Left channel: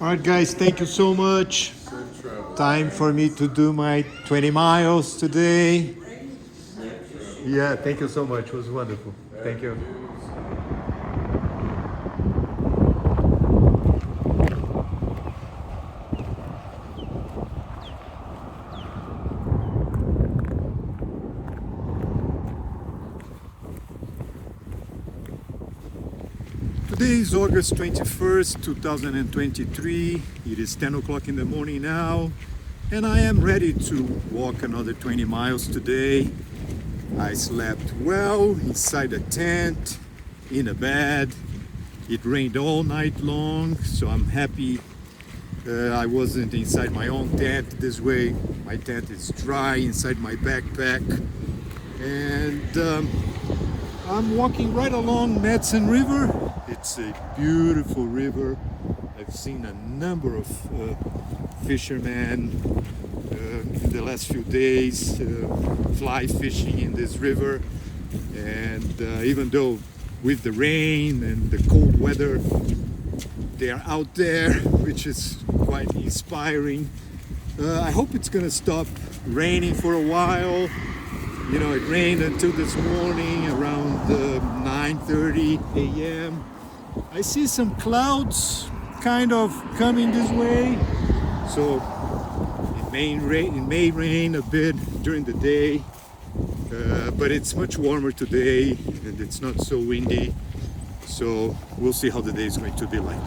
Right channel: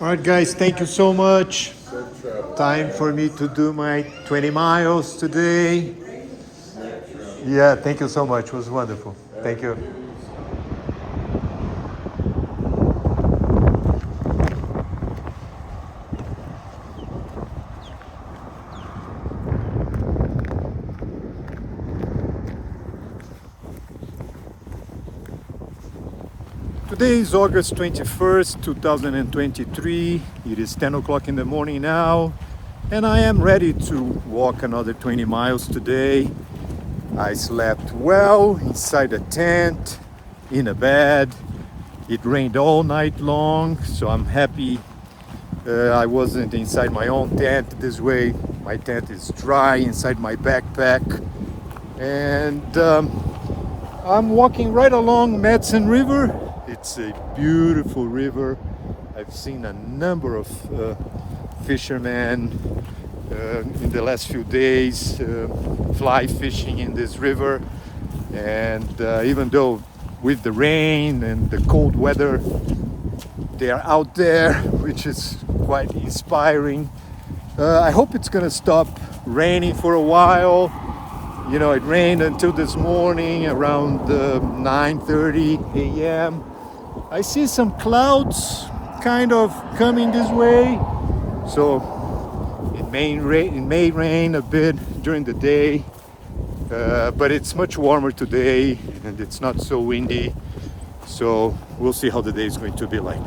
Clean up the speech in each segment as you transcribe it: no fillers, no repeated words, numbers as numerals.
All right, guys, thank you so much. Time for me to do my 20 miles today. Yeah, thank you so much. It was wonderful. Thank you. Today is August 21st, 2023. It is 10 o'clock in the morning now, and I am ready to walk another 20 miles today. I slept well inside a tent, in a bed. It rained all night long, so I'm happy I wasn't inside my own tent. This way, my tent is dry inside my backpack. And I'm walking right along Madison River. It's a beautiful river. I've seen a number of fishermen in the last few days fly fishing in this river. And even though with the rain and the cold weather, they are out there, which is quite inspiring. I hope it's gonna stop raining for a while. You know, it rained until this morning around 9:30 a.m. I see some clouds kind of coming this way, so it may rain a bit during the day, but it's much warmer today and it's not so windy, so we'll see how the day is going to be like.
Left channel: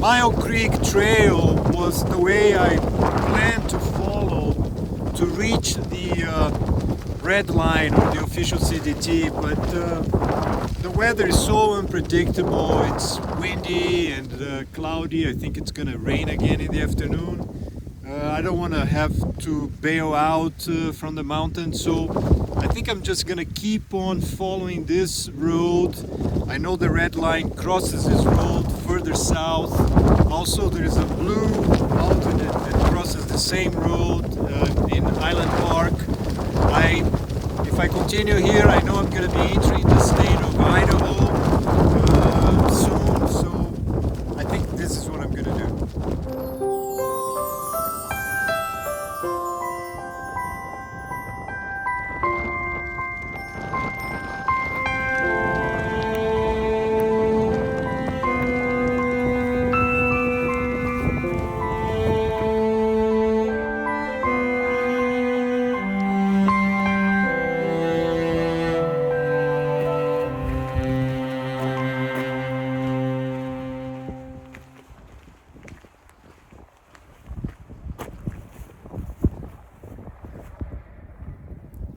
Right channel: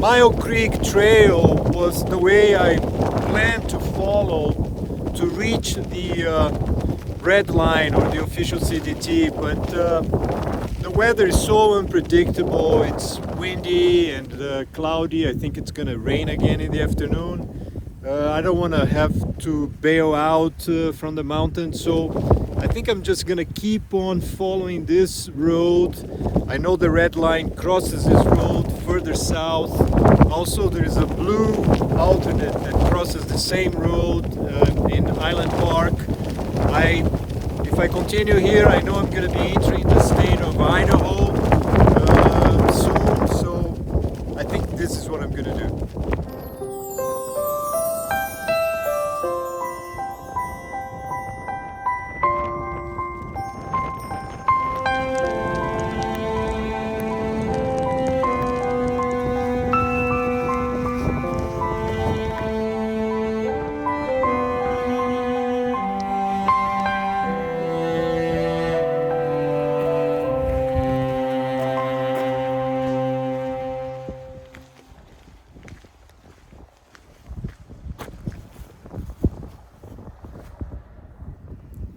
Mile Creek Trail was the way I planned to follow to reach the red line or the official CDT, but the weather is so unpredictable. It's windy and cloudy. I think it's gonna rain again in the afternoon. I don't want to have to bail out from the mountain, so I think I'm just gonna keep on following this road. I know the red line crosses this road further south. Also, there is a blue alternate that crosses the same road in Island Park. If I continue here, I know I'm gonna be entering the state of Idaho soon, so I think this is what I'm gonna do.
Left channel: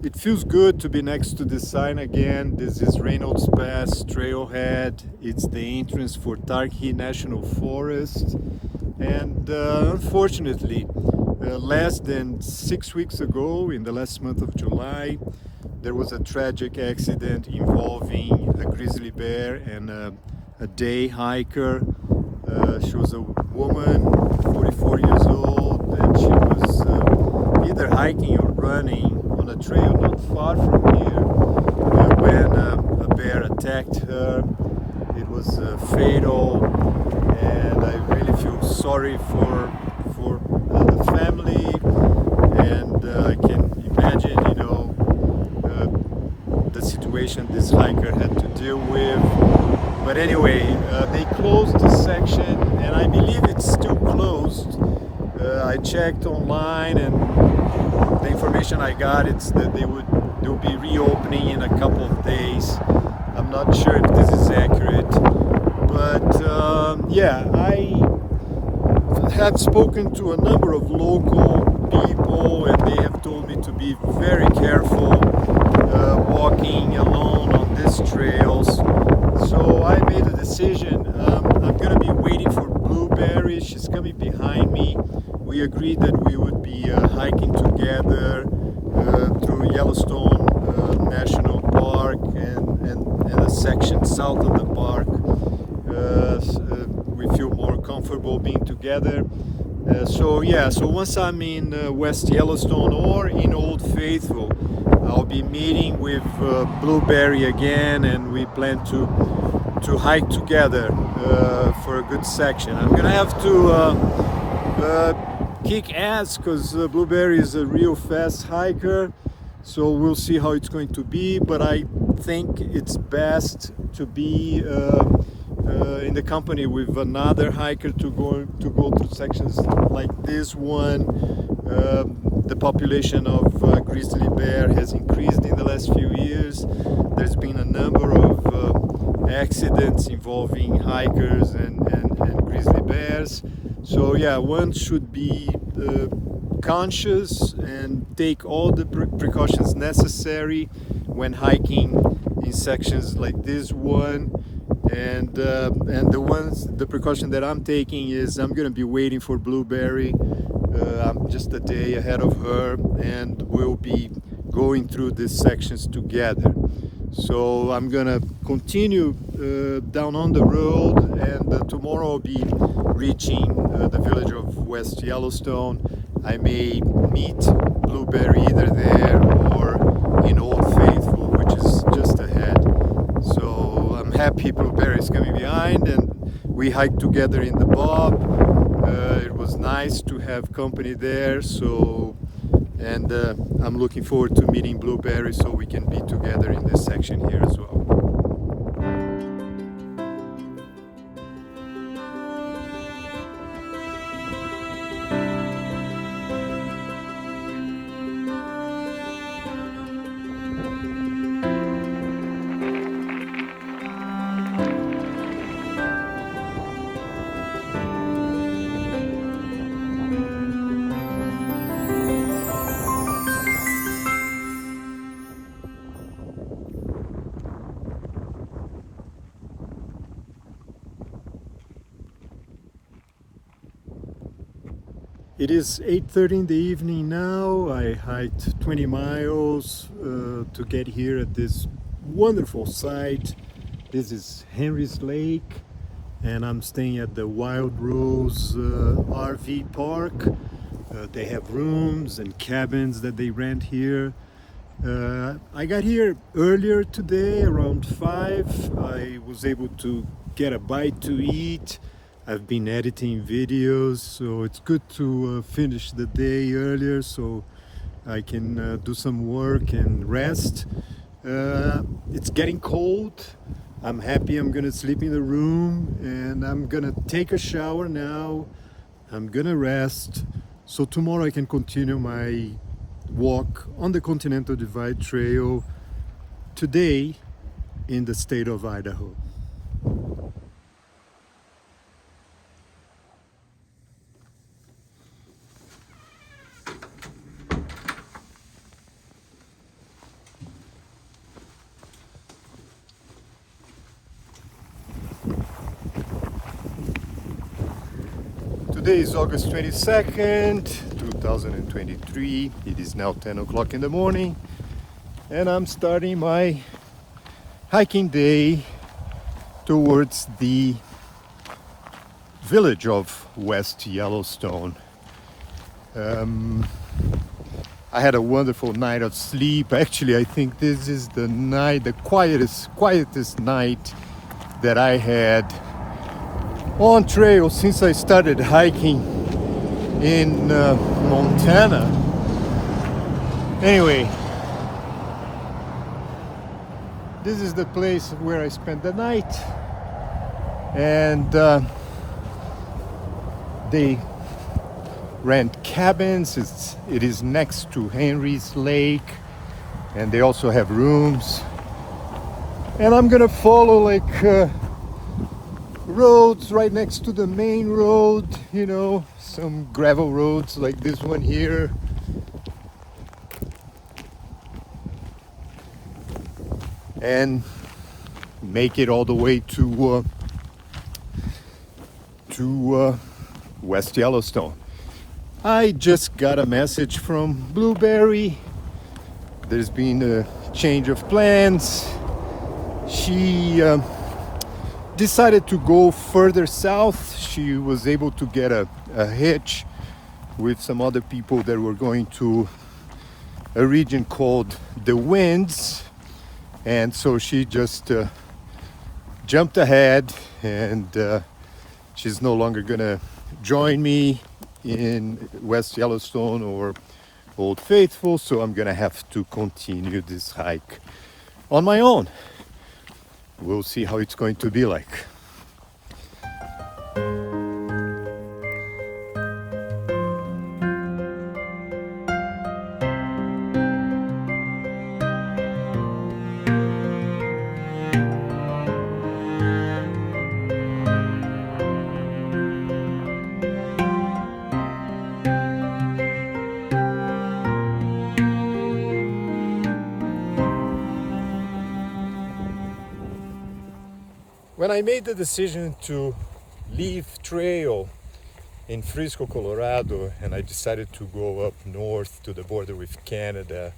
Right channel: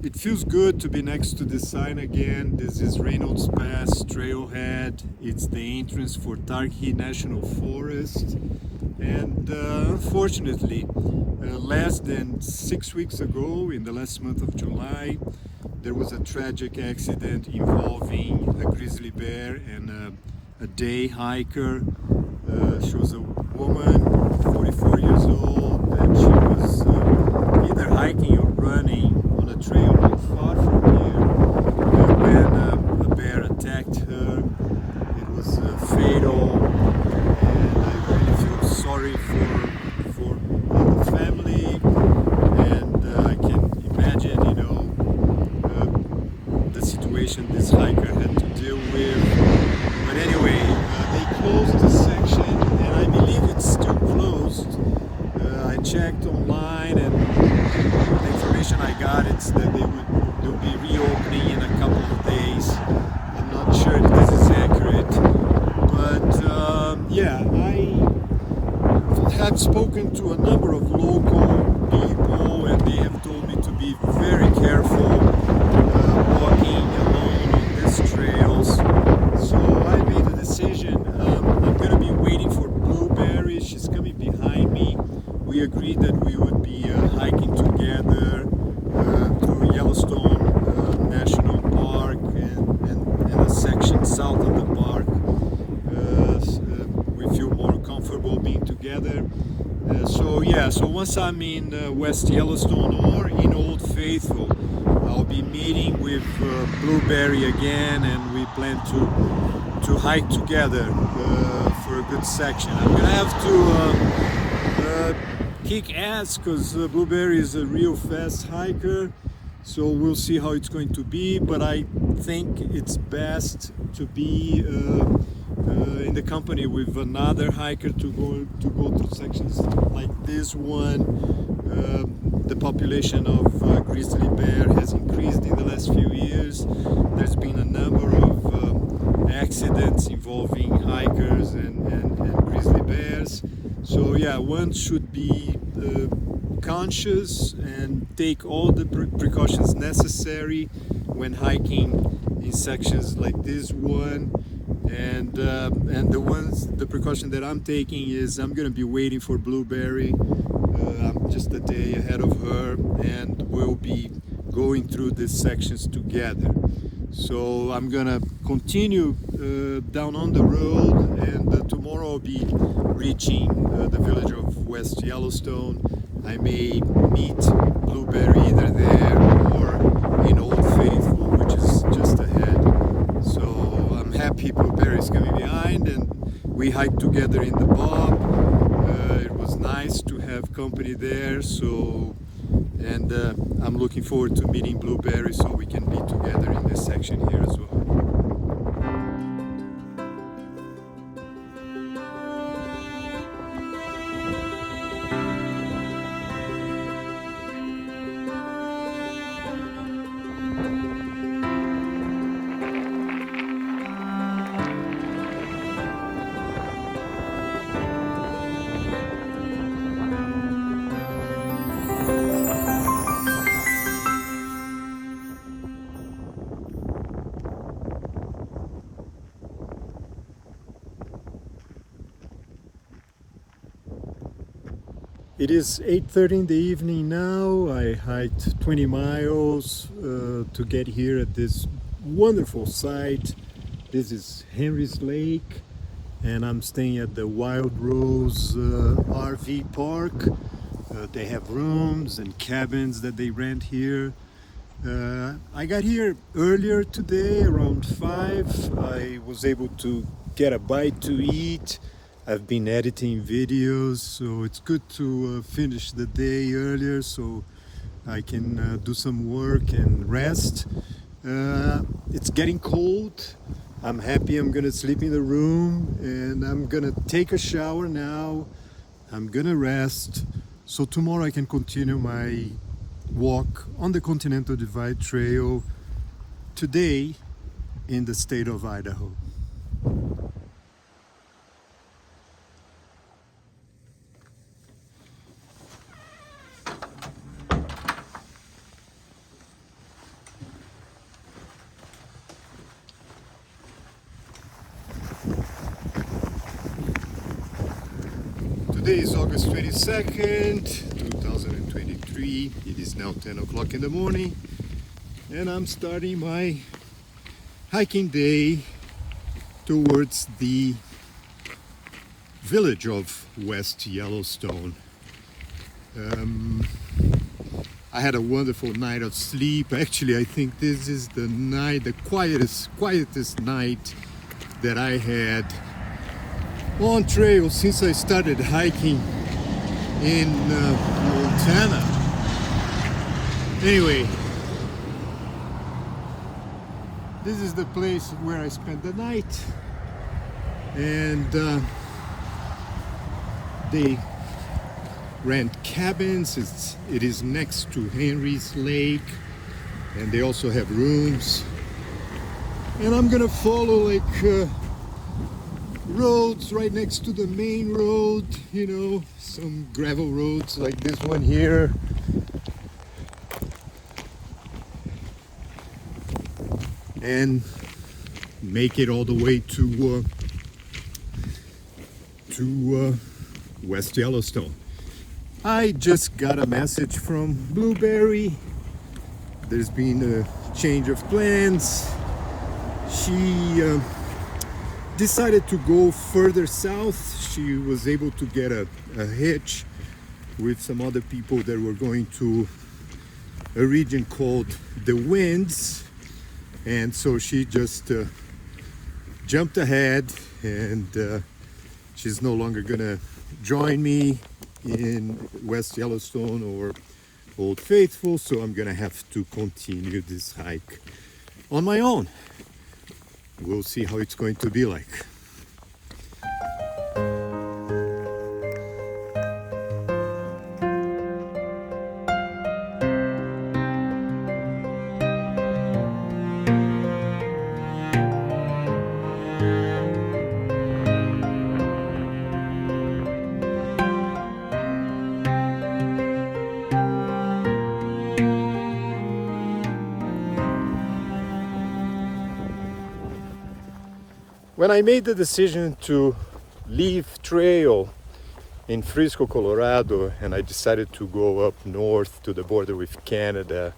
It feels good to be next to this sign again. This is Reynolds Pass Trailhead. It's the entrance for Targhee National Forest. And unfortunately, less than 6 weeks ago, in the last month of July, there was a tragic accident involving a grizzly bear and a day hiker. She was a woman, 44 years old, and she was either hiking or running on a trail not far from here when a bear attacked her. It was fatal, and I really feel sorry for the family, and I can imagine, you know, the the situation this hiker had to deal with. But anyway, they closed the section, and I believe it's still closed. I checked online, and the information I got is that they'll be reopening in a couple of days. I'm not sure if this is accurate, but yeah, I have spoken to a number of local people, and they have told me to be very careful walking alone on these trails. So I made a decision. I'm gonna be waiting for Blueberry. She's coming behind me. We agreed that we would be hiking together through Yellowstone National Park and a section south of the park. We feel more comfortable being together. So once I'm in West Yellowstone or in Old Faithful, I'll be meeting with Blueberry again, and we plan to hike together for a good section. I'm gonna have to kick ass because Blueberry is a real fast hiker, so we'll see how it's going to be, but I think it's best to be in the company with another hiker to go to sections like this one. The population of grizzly bear has increased in the last few years. There's been a number of accidents involving hikers and grizzly bears. So yeah, one should be conscious and take all the precautions necessary when hiking in sections like this one. And the precaution that I'm taking is I'm gonna be waiting for Blueberry. I'm just a day ahead of her, and we'll be going through these sections together. So I'm gonna continue down on the road, and tomorrow I'll be reaching the village of West Yellowstone. I may meet Blueberry either there or in Old Faithful, which is just ahead. So I'm happy Blueberry is coming behind, and we hiked together in the Bob. It was nice to have company there. So, and I'm looking forward to meeting Blueberry so we can be together in this section here as well. It is 8:30 in the evening now. I hiked 20 miles to get here at this wonderful site. This is Henry's Lake, and I'm staying at the Wild Rose RV Park. They have rooms and cabins that they rent here. I got here earlier today around 5. I was able to get a bite to eat. I've been editing videos, so it's good to finish the day earlier so I can do some work and rest. It's getting cold. I'm happy I'm gonna sleep in the room, and I'm gonna take a shower now. I'm gonna rest so tomorrow I can continue my walk on the Continental Divide Trail, today in the state of Idaho. Today is August 22nd, 2023. It is now 10 o'clock in the morning, and I'm starting my hiking day towards the village of West Yellowstone. I had a wonderful night of sleep. Actually, I think this is the night, the quietest night that I had on trail since I started hiking in Montana. Anyway, This is the place where I spent the night, and they rent cabins. It is next to Henry's Lake, and they also have rooms. And I'm gonna follow like roads right next to the main road, you know, some gravel roads like this one here. And make it all the way to West Yellowstone. I just got a message from Blueberry. There's been a change of plans. She decided to go further south. She was able to get a hitch with some other people that were going to a region called the Winds, and so she just jumped ahead, and she's no longer gonna join me in West Yellowstone or Old Faithful, so I'm gonna have to continue this hike on my own. We'll see how it's going to be like. When I made the decision to leave trail in Frisco, Colorado, and I decided to go up north to the border with Canada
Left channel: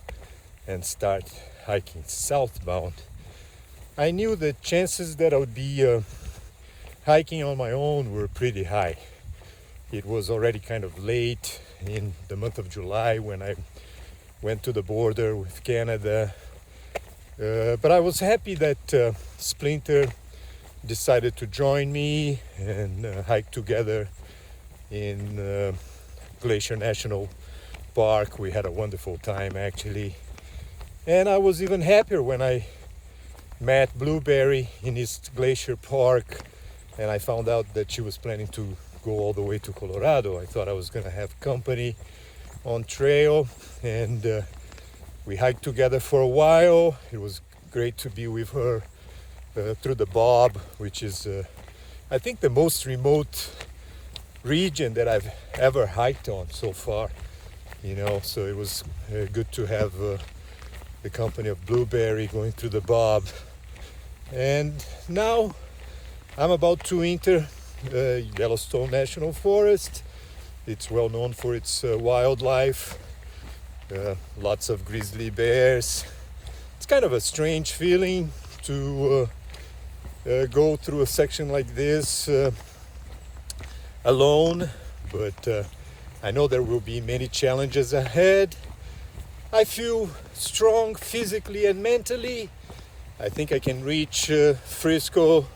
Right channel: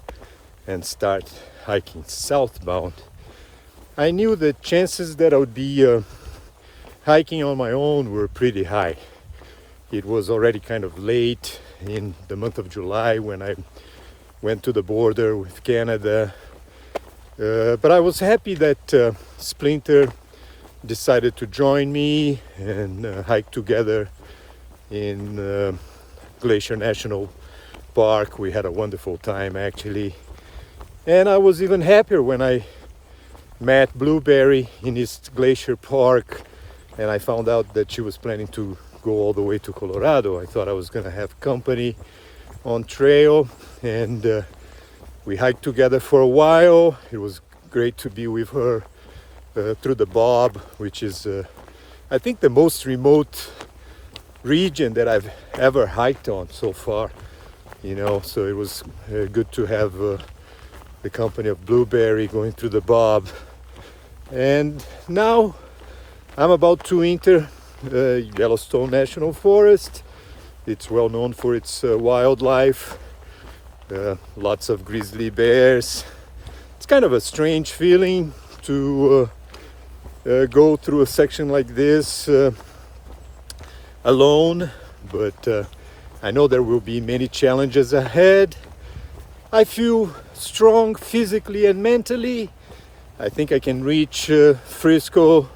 and start hiking southbound, I knew the chances that I would be hiking on my own were pretty high. It was already kind of late in the month of July when I went to the border with Canada, but I was happy that Splinter decided to join me and hike together in Glacier National Park. We had a wonderful time actually, and I was even happier when I met Blueberry in East Glacier Park and I found out that she was planning to go all the way to Colorado. I thought I was gonna have company on trail, and we hiked together for a while. It was great to be with her through the Bob, which is I think the most remote region that I've ever hiked on so far, you know, so it was good to have the company of Blueberry going through the Bob. And now I'm about to enter Yellowstone National Forest. It's well known for its wildlife, lots of grizzly bears. It's kind of a strange feeling to go through a section like this alone, but I know there will be many challenges ahead. I feel strong physically and mentally. I think I can reach Frisco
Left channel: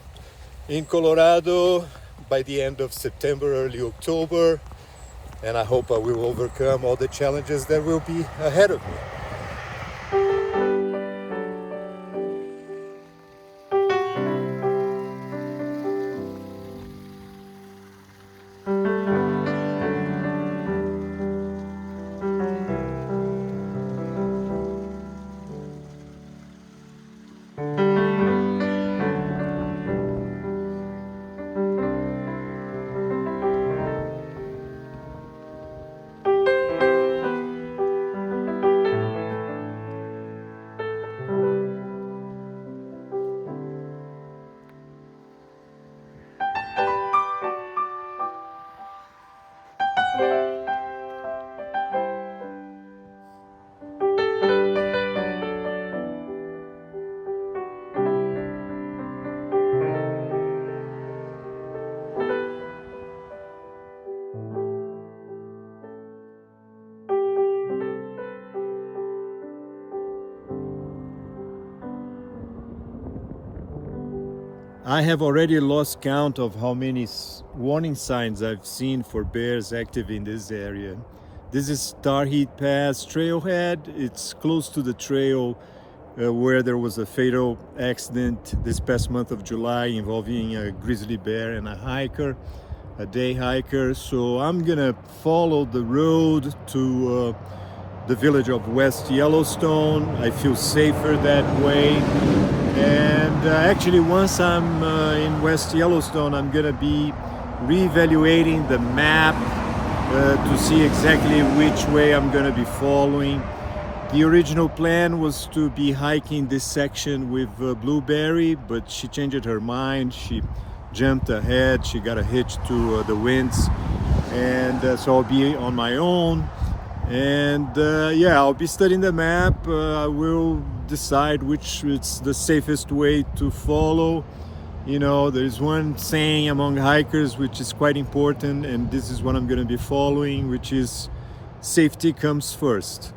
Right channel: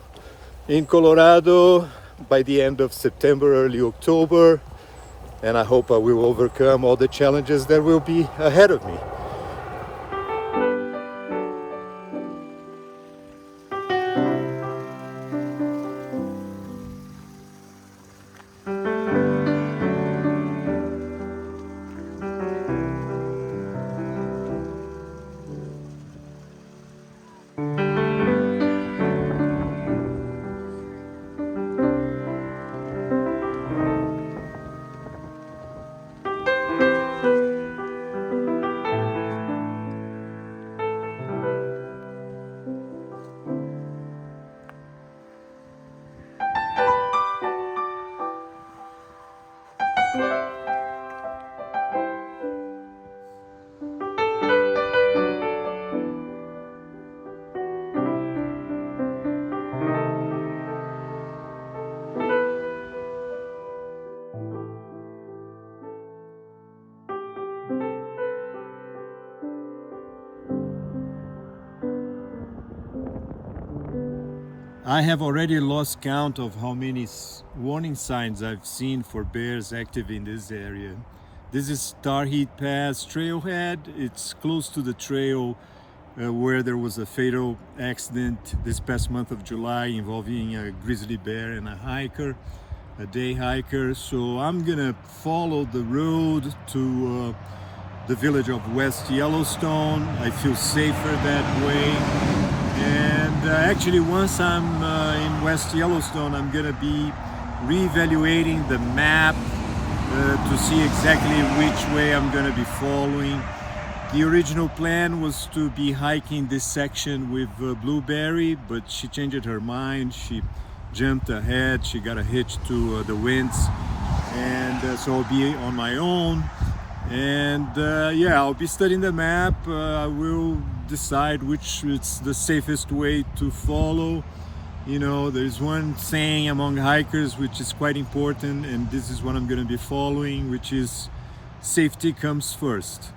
in Colorado by the end of September, early October, and I hope I will overcome all the challenges that will be ahead of me. I have already lost count of how many warning signs I've seen for bears active in this area. This is Starheat Pass trailhead. It's close to the trail where there was a fatal accident this past month of July involving a grizzly bear and a hiker, a day hiker. So I'm gonna follow the road to the village of West Yellowstone. I feel safer that way. And actually, once I'm in West Yellowstone, I'm gonna be reevaluating the map to see exactly which way I'm gonna be following. The original plan was to be hiking this section with Blueberry, but she changed her mind. She jumped ahead, she got a hitch to the winds, and so I'll be on my own. And yeah, I'll be studying the map. I will decide which is the safest way to follow. You know, there's one saying among hikers which is quite important, and this is what I'm going to be following, which is safety comes first.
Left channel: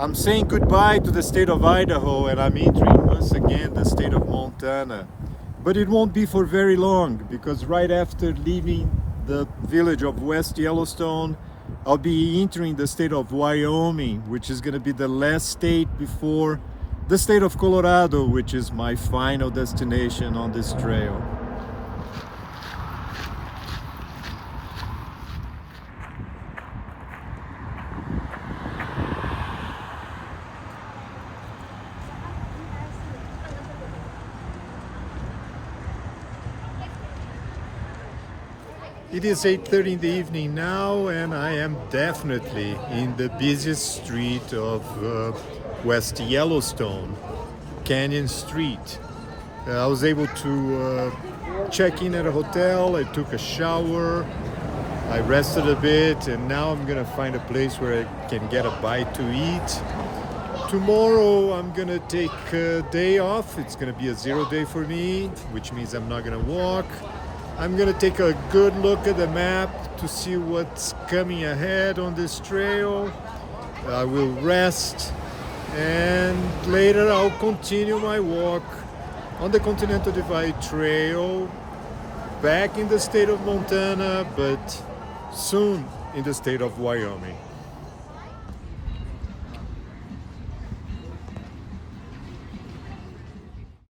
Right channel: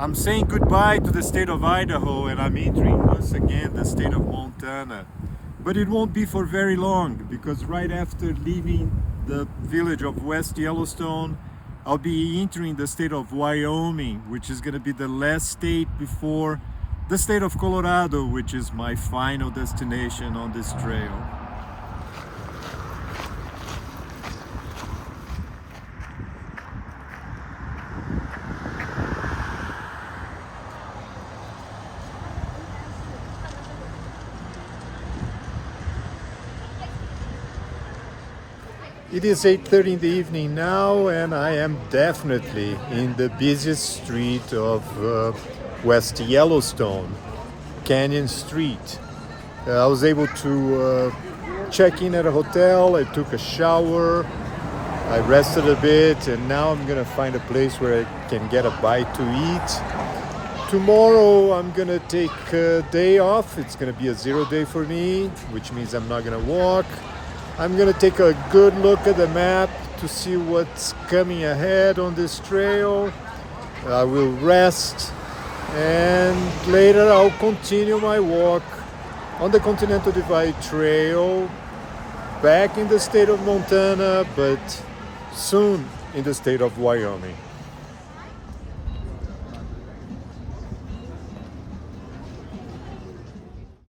I'm saying goodbye to the state of Idaho, and I'm entering once again the state of Montana. But it won't be for very long, because right after leaving the village of West Yellowstone, I'll be entering the state of Wyoming, which is going to be the last state before the state of Colorado, which is my final destination on this trail. It is 8:30 in the evening now, and I am definitely in the busiest street of West Yellowstone, Canyon Street. I was able to check in at a hotel, I took a shower, I rested a bit, and now I'm gonna find a place where I can get a bite to eat. Tomorrow I'm gonna take a day off. It's gonna be a 0 day for me, which means I'm not gonna walk. I'm gonna take a good look at the map to see what's coming ahead on this trail. I will rest, and later I'll continue my walk on the Continental Divide Trail back in the state of Montana, but soon in the state of Wyoming.